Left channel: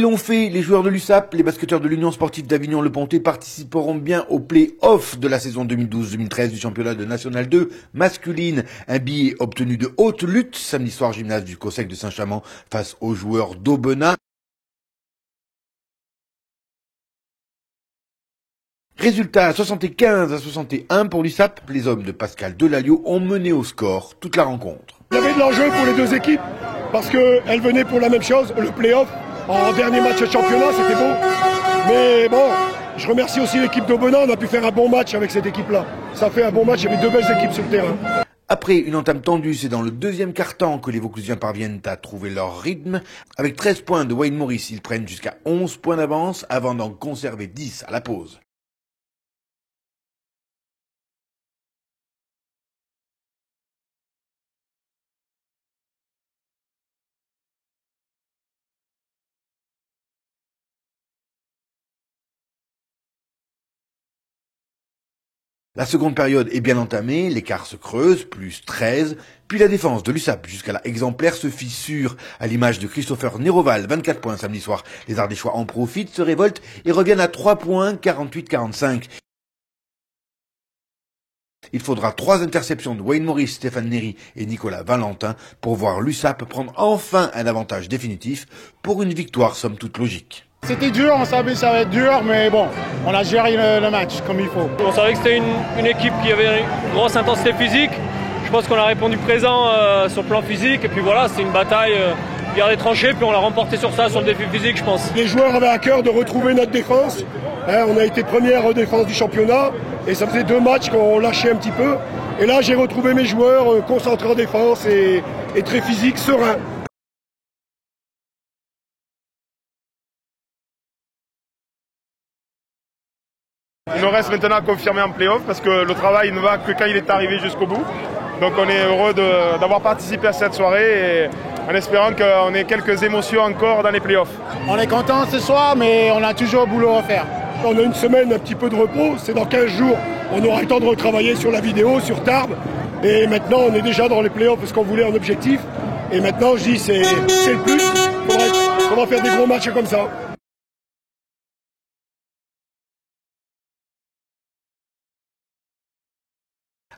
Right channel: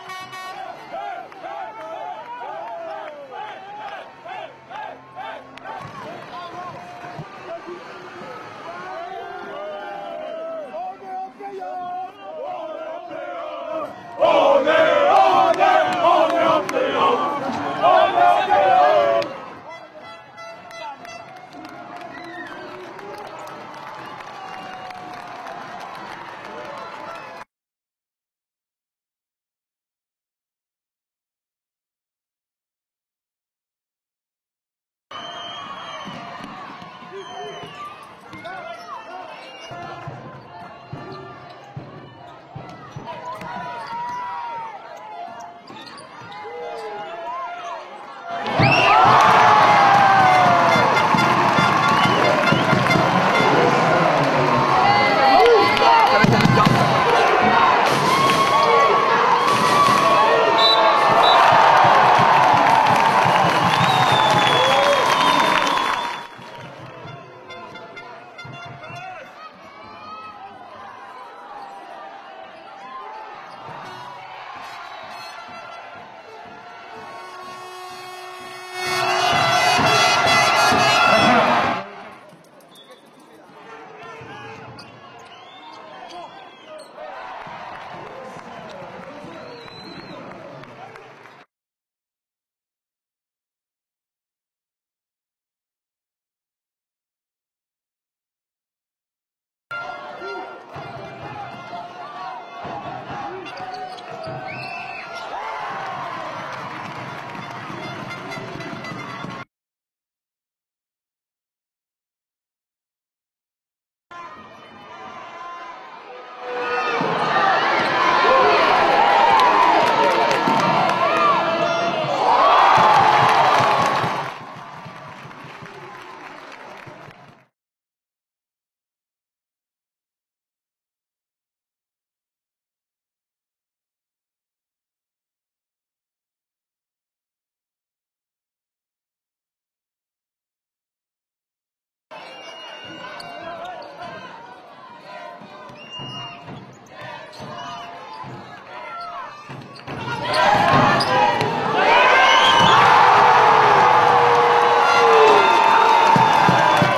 Ils l'ont fait, les joueurs de l'USAP, les basketteurs de l'Union sportive d'Avignon-Le Pontet participeront bien au play-off de la saison 2012-2013 du championnat de National 2 masculine. Un billet obtenu de haute lutte samedi soir, gymnase du COSEC de Saint-Chamond face aux joueurs d'Aubenas. Résultat 75-61 pour l'USAP. Les hommes de Pascal Delalliot ont mené au score toute la rencontre. Il y avait de l'enjeu pour les deux équipes parce qu'elles venaient pour la même chose, le play-off. En dernier match de championnat, c'était beau. Mais bon, je remercie aussi l'équipe d'Aubenas. On a pu faire un bon match avec cette équipe-là. Ça fait un bon match, il y avait deux belles équipes sur le terrain. Après une entame tendue, c'est dans le deuxième quart-temps que les Vauclusiens parviennent à trouver leur rythme. Avec 13 points de Wayne Morris, ils prennent jusqu'à 11 points d'avance avant d'en conserver 10 à la pause. La seconde période est bien entamée, l'écart se creuse, plus 13, puis la défense de l'USAP jusqu'à la exemplaire se fissure, à l'image de Christopher Néroval, 24 points samedi soir. Les Ardéchois en profitent, se révoltent et reviennent à 3 points, 48-45. Il faudra 3 interceptions de Wayne Morris, Stéphane Néry et Nicolas Valentin pour voir l'USAP prendre enfin un avantage définitif pour une victoire somme toute logique. C'était dur, on savait que ça va être dur, mais bon, on a géré le match comme il faut. On savait que c'était une équipe qui avait une grosse intensité physique. Je pense qu'on a répondu présent sur le plan physique. Et puis voilà, c'est une bataille guerre des tranchées, puis on l'a remporté sur ça, sur le défi physique, je pense. Les joueurs avaient à cœur de retrouver notre défense. On a été première défense du championnat et ça faisait 2 matchs qu'on lâchait un petit peu. Et là, j'ai retrouvé mes joueurs concentrés en défense et très physiques, sereins. Il nous reste maintenant à confirmer en play-off parce que le travail ne va que quand il est arrivé jusqu'au bout. Donc on est heureux d'avoir participé à cette soirée et en espérant qu'on ait quelques émotions encore dans les play-offs. On est content ce soir, mais on a toujours boulot à faire. On a une semaine, un petit peu de repos. C'est dans 15 jours, on aura le temps de retravailler sur la vidéo, sur Tarbes. Et maintenant, on est déjà dans les play-offs parce qu'on voulait un objectif. Et maintenant, je dis, c'est le plus. On va faire des gros matchs comme ça.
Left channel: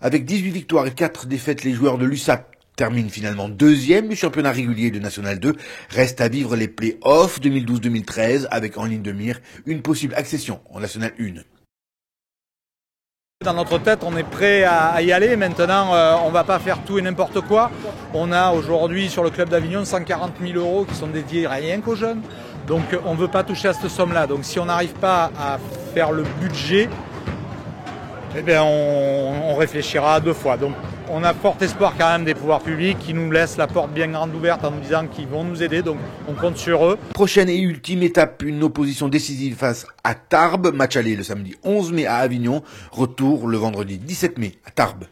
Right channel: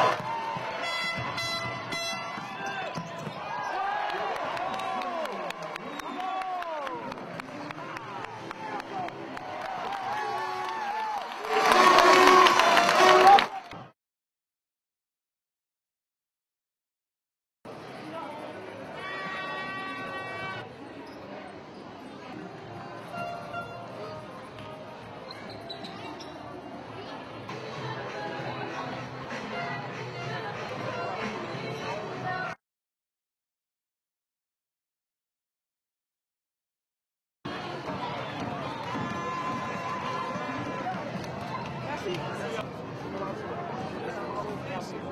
Avec 18 victoires et 4 défaites, les joueurs de l'USAP terminent finalement 2e du championnat régulier de National 2. Reste à vivre les play-offs 2012-2013 avec en ligne de mire une possible accession en National 1. Dans notre tête, on est prêt à y aller. Maintenant, on ne va pas faire tout et n'importe quoi. On a aujourd'hui sur le club d'Avignon 140 000 € qui sont dédiés rien qu'aux jeunes. Donc on ne veut pas toucher à cette somme-là. Donc si on n'arrive pas à faire le budget, eh bien, on réfléchira 2 fois. Donc, on a fort espoir quand même des pouvoirs publics qui nous laissent la porte bien grande ouverte en nous disant qu'ils vont nous aider. Donc, on compte sur eux. Prochaine et ultime étape, une opposition décisive face à Tarbes. Match aller le samedi 11 mai à Avignon. Retour le vendredi 17 mai à Tarbes.